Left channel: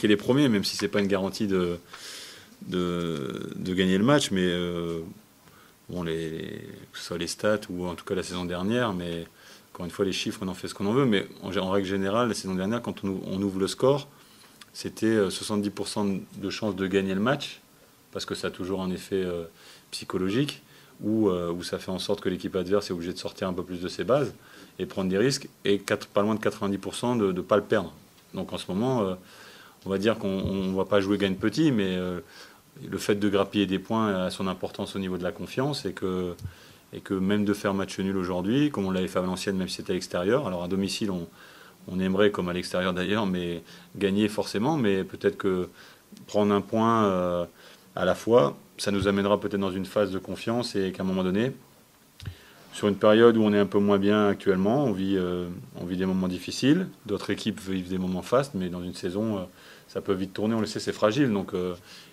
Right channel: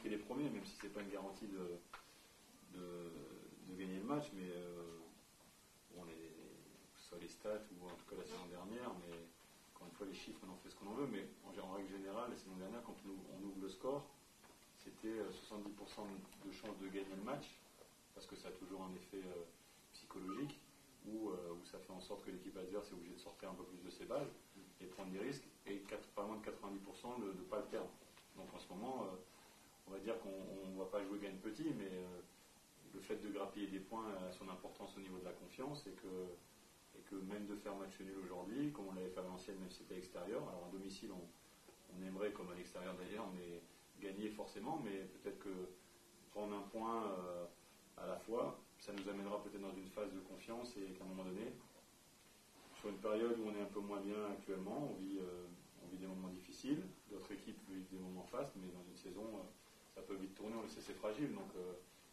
marquer les premiers, même si c'est pas une garantie de gagner le match. Mais bon, que ce soit les stats ou en tout cas la saison dernière, mais encore une fois, les chiffres, on en fait ce qu'on en veut. Mais en règle générale, la saison dernière, quand on ouvre le score, c'était 70% de chances de gagner le match, parce que ça a toujours un effet psychologique, où ça fait en sorte que l'équipe adverse est obligée de sortir un peu plus de ses bases et prendre des risques, et pas loin de 90% de ne pas le perdre. Donc en ce moment, on va dire qu'on ne va pas jouer gagne petit, mais le fait de grappiller des points a son importance au niveau de la confiance, et que même de faire match nul aujourd'hui, comme on l'avait fait à Valenciennes, même si c'était à l'extérieur, alors à domicile on aimerait, comme à l'extérieur d'ailleurs, mais gagner forcément, mais peut-être que prendre un point à la fois, ça nous amènera peut-être dans une phase de confiance, et qu'à un moment donné, sur une période où on est un peu moins bien actuellement, on vit des moments difficiles, d'autres équipes vivent des moments fastes, mais dans une saison, ça peut vite tourner, on le sait, c'est fragile, donc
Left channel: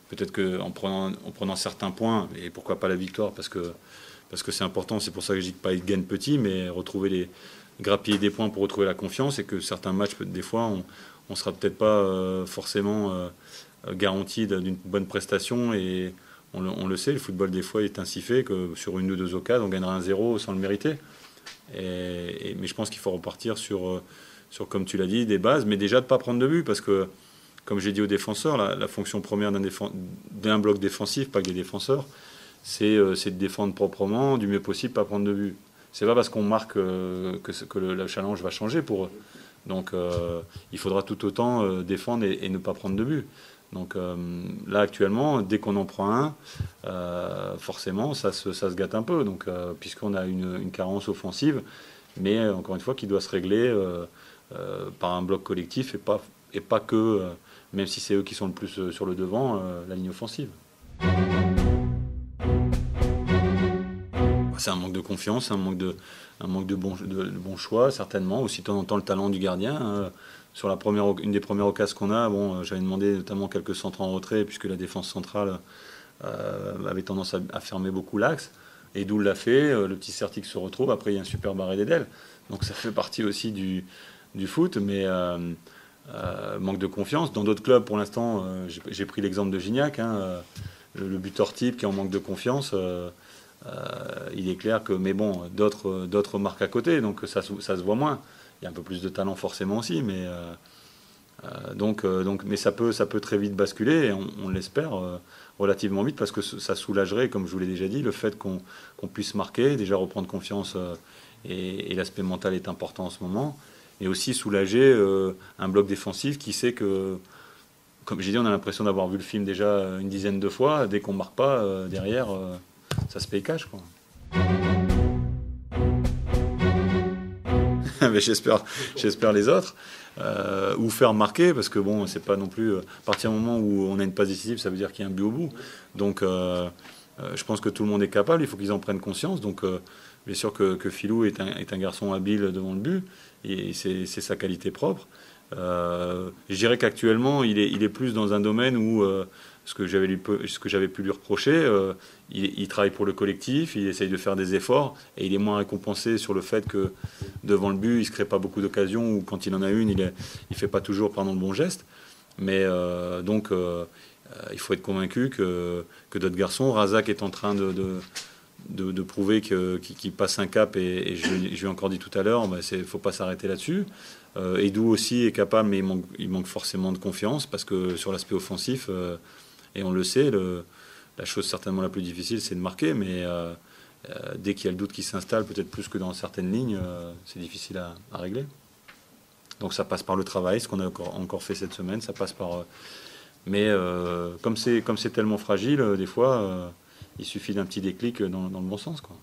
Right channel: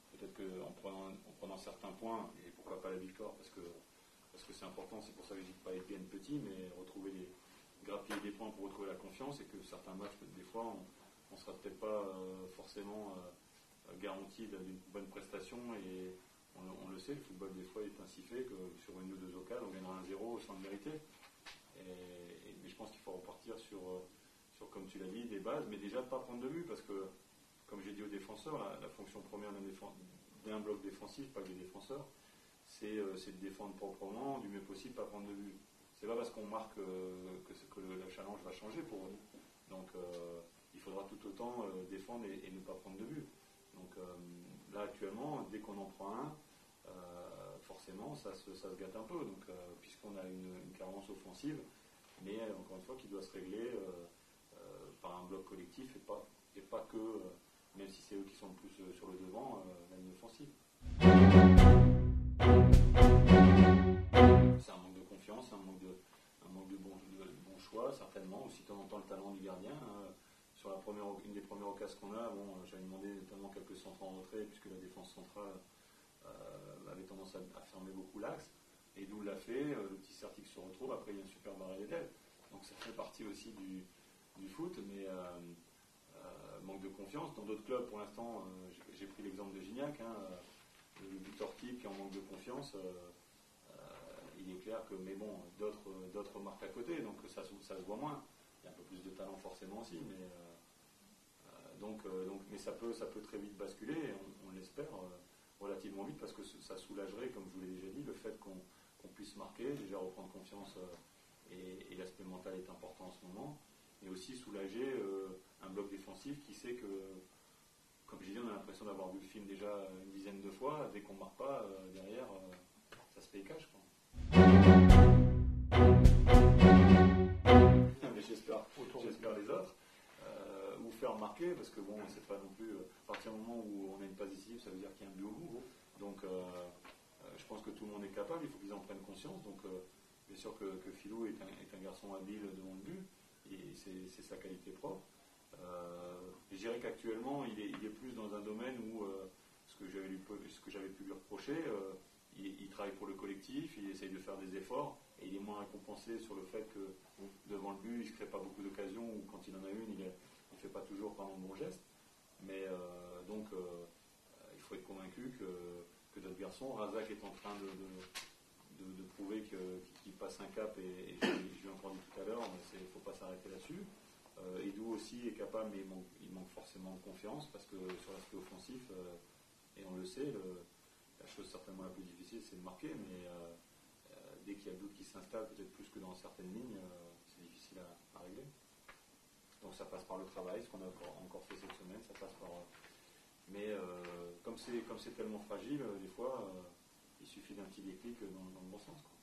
peut-être qu'en prenant certains points, et pourquoi pas la victoire, parce que c'est important, c'est pour ça que je dis que pas être gagne petit, mais grappiller des points pour retrouver la confiance, et que certains matchs, des fois, on sera peut-être pas forcément garanti d'une bonne prestation, et on le sait, le football des fois est ainsi fait que sur une ou deux occasions, on gagnera un 0 sans le mériter. Mais je pense qu'il faut repartir sur, comme tu l'as dit, des bases, mais déjà de ne pas prendre de but, parce que, comme j'ai dit aux défenseurs, la fonction première d'un bloc défensif, pas que des défenseurs, c'est de défendre proprement, du mieux possible, pas prendre de but. C'est pas parce qu'on marque que le challenge va changer pour eux. Donc il faudra tout autant défendre et ne pas prendre de but. Donc là actuellement, dès qu'on en prend un, forcément ça se gâte un peu. Donc puisqu'on a une carence offensive, mais encore une fois qui doit se régler par un bloc collectif, et pas que, même si c'est eux qui sont le plus sur le devant, la ligne offensive. C'est un manque de confiance, un manque de bon choix, certainement. Aussi, de temps en temps, le talent du gardien. Sur une des premières occasions qu'on a, bon, j'avais demandé notamment quelques centres en retrait, puisque la défense centrale avait tendance à fermer beaucoup l'axe. Et d'où l'a fait, le petit Certic se retrouve. Après, il y a un super barré d'Edel. Donc ça fait partie aussi du foot, mais manque de confiance. Dans d'autres clubs, pour l'instant, j'ai pris l'exemple de Gignac, le buteur type qui est en manque de confiance. Il est clair que, mais bon, d'autres marquent à côté, donc ça se voit moins. Il y a un peu plus de talent forcément aussi, mais mais ça peut très vite basculer, et on l'espère relativement vite, parce que ça soulagerait, comme je vous l'ai déjà dit, le fait qu'on puisse marquer, déjà reprendre confiance, et l'aspect mental est important en ce moment, et aussi soulager un bloc défensif qui sait que, comme j'ai dit, on a l'impression d'avoir vu le film déjà une dizaine de fois. Dès qu'on ne marque pas derrière, ça se paye cash, quoi. Mais j'espère les autres. Ou faire marquer, parce que bon, c'est pas non plus. À partir du moment où on a une passe décisive, ça veut dire qu'il y a un but au bout. Donc je pense que tout le monde est capable, il faut qu'ils en prennent conscience. Donc bien sûr que Philou est un garçon habile devant le but, et c'est sa qualité propre. Je dirais qu'actuellement, il est plus dans un domaine où ce que j'avais pu lui reprocher, il travaille pour le collectif, il essaye de faire des efforts, et il est moins récompensé sur le fait que devant le but, il ne se crée pas beaucoup d'occasions, ou quand il en a une, il ne fait pas toujours le bon geste. Mais donc, il faut être convaincu que d'autres garçons, Razak est en train de prouver qu'il passe un cap, et je lui ai encore dit tout à l'heure, il ne faut pas s'arrêter là-dessus. Edou aussi est capable, mais il manque forcément de confiance, parce que sur l'aspect offensif, et on le sait, la chose certainement la plus difficile, c'est de marquer, mais dès qu'il y a le doute qui s'installe, peut-être plus que dans certaines lignes, c'est difficile à régler. Donc ça passe par le travail, ce qu'on a encore fait cette semaine, ça passe par... mais comme c'est tellement fragile, des fois, il suffit d'un petit déclic dans le bon sens, quoi.